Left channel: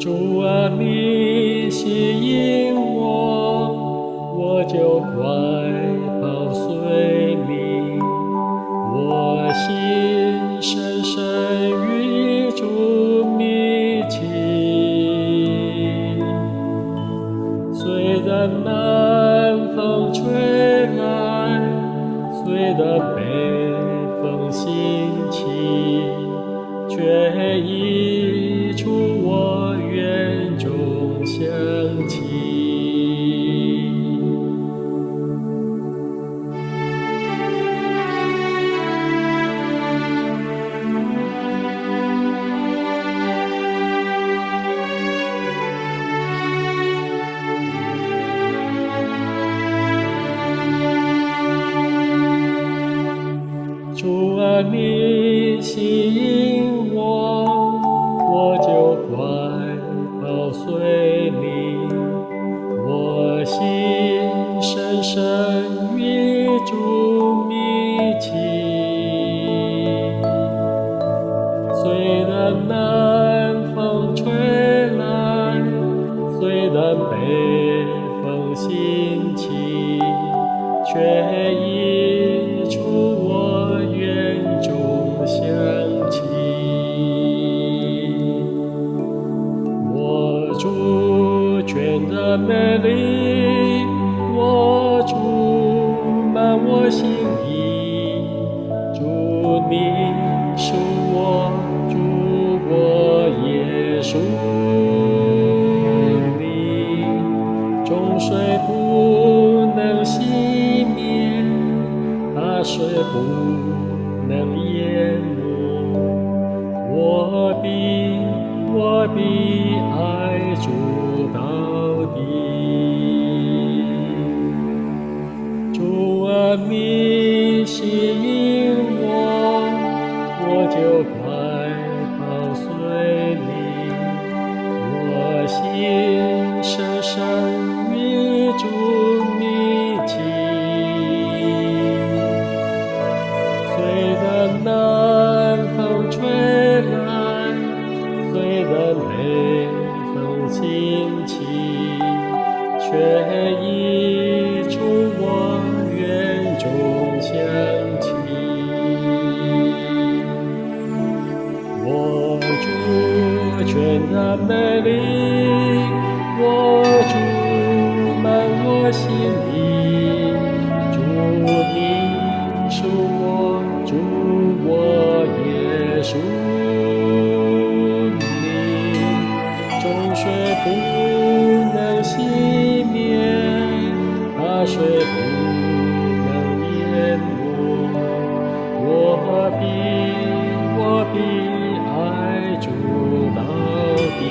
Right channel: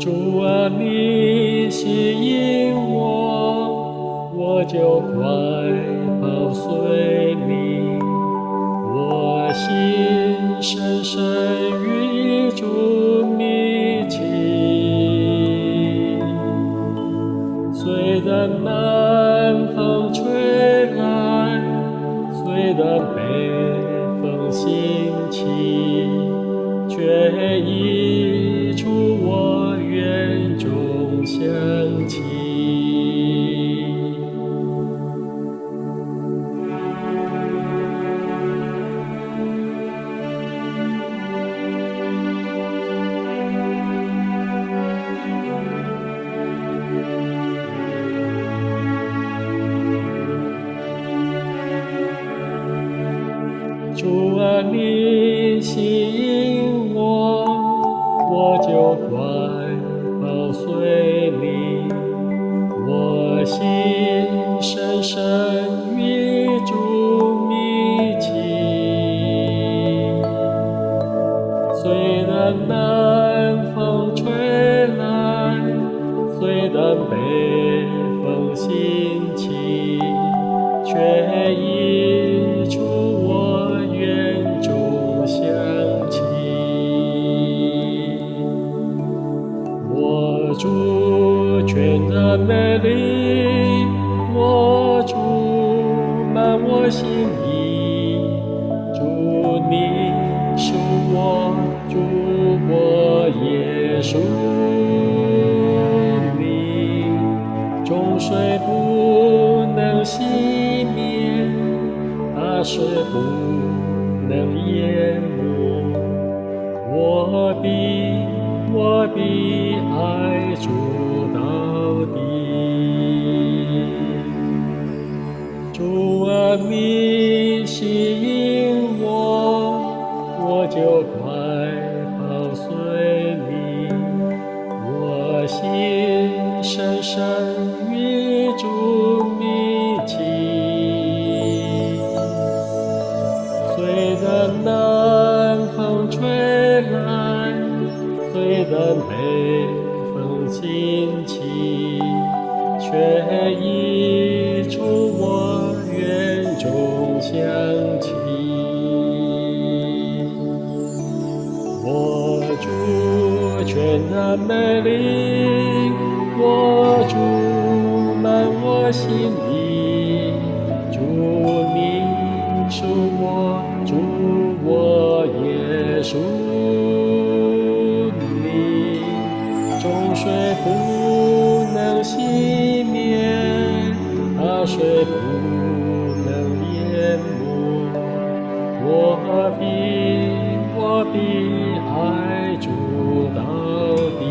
主啊，你吸引我，我就快跑随你。我心深深与主密契，虽然南风吹来，虽然北风兴起，却已出我园中响起。主啊，你吸引我，我就快跑随你。我心深深与主密契，虽然南风吹来，虽然北风兴起，却已出我园中响起。我主全然美丽，我主满我心意。主你属我，主我也属你。众水不能熄灭，大水不能淹没。我必爱主到底。主啊，你吸引我，我就快跑随你。我心深深与主密契，虽然南风吹来，虽然北风兴起，却已出我园中响起。我主全然美丽，我主满我心意。主你属我，主我也属你。众水不能熄灭，大水不能淹没。我必爱主到底。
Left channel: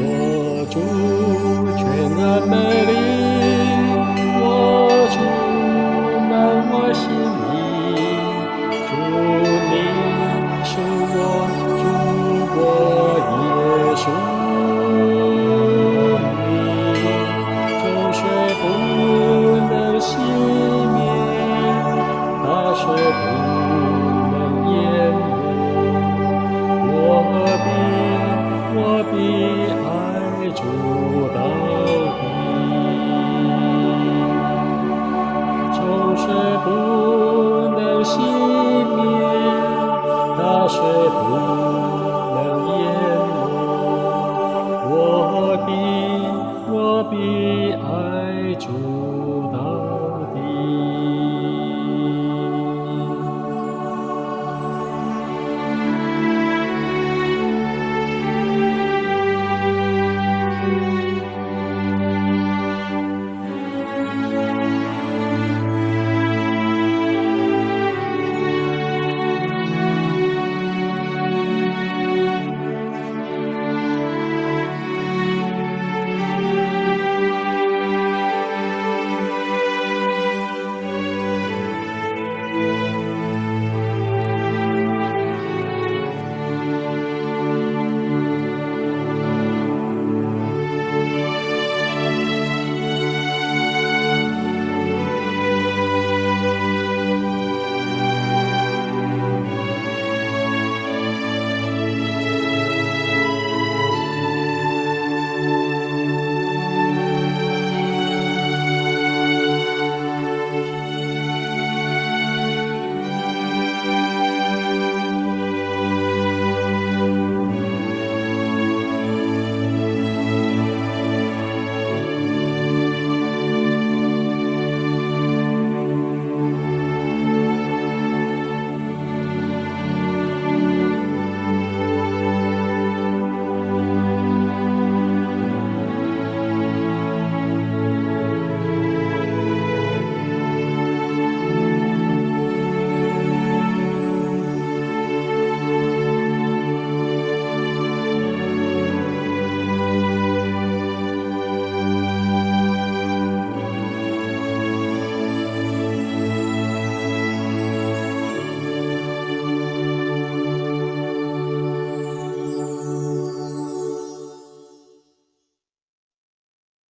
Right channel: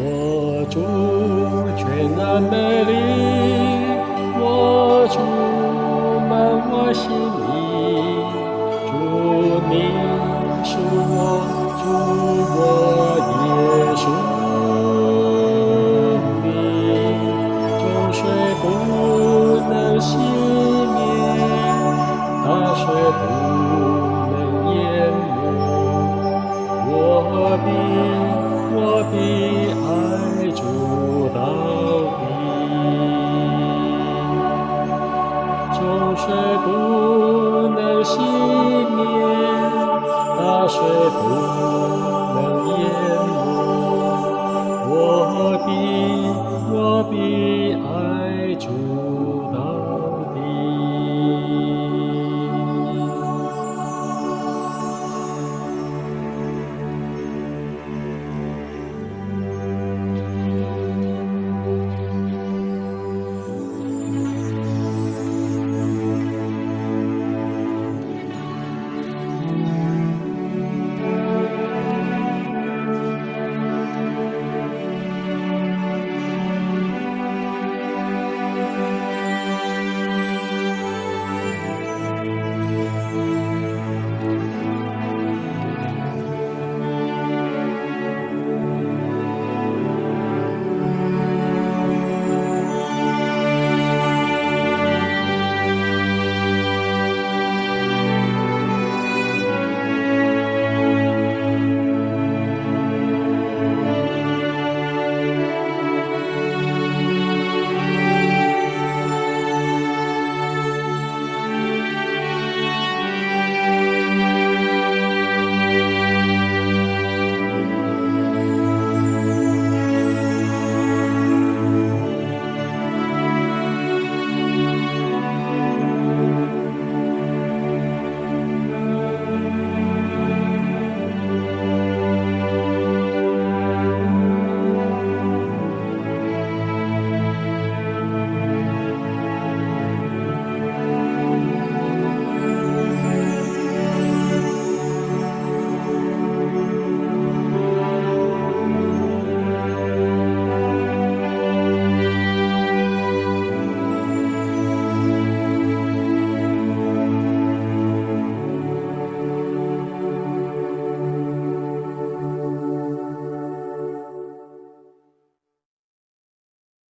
我主全然美丽，我主满我心意。主你属我，主我也属你。众水不能熄灭，大水不能淹没。我必爱主到底。众水不能熄灭，大水不能淹没。我必爱主到底。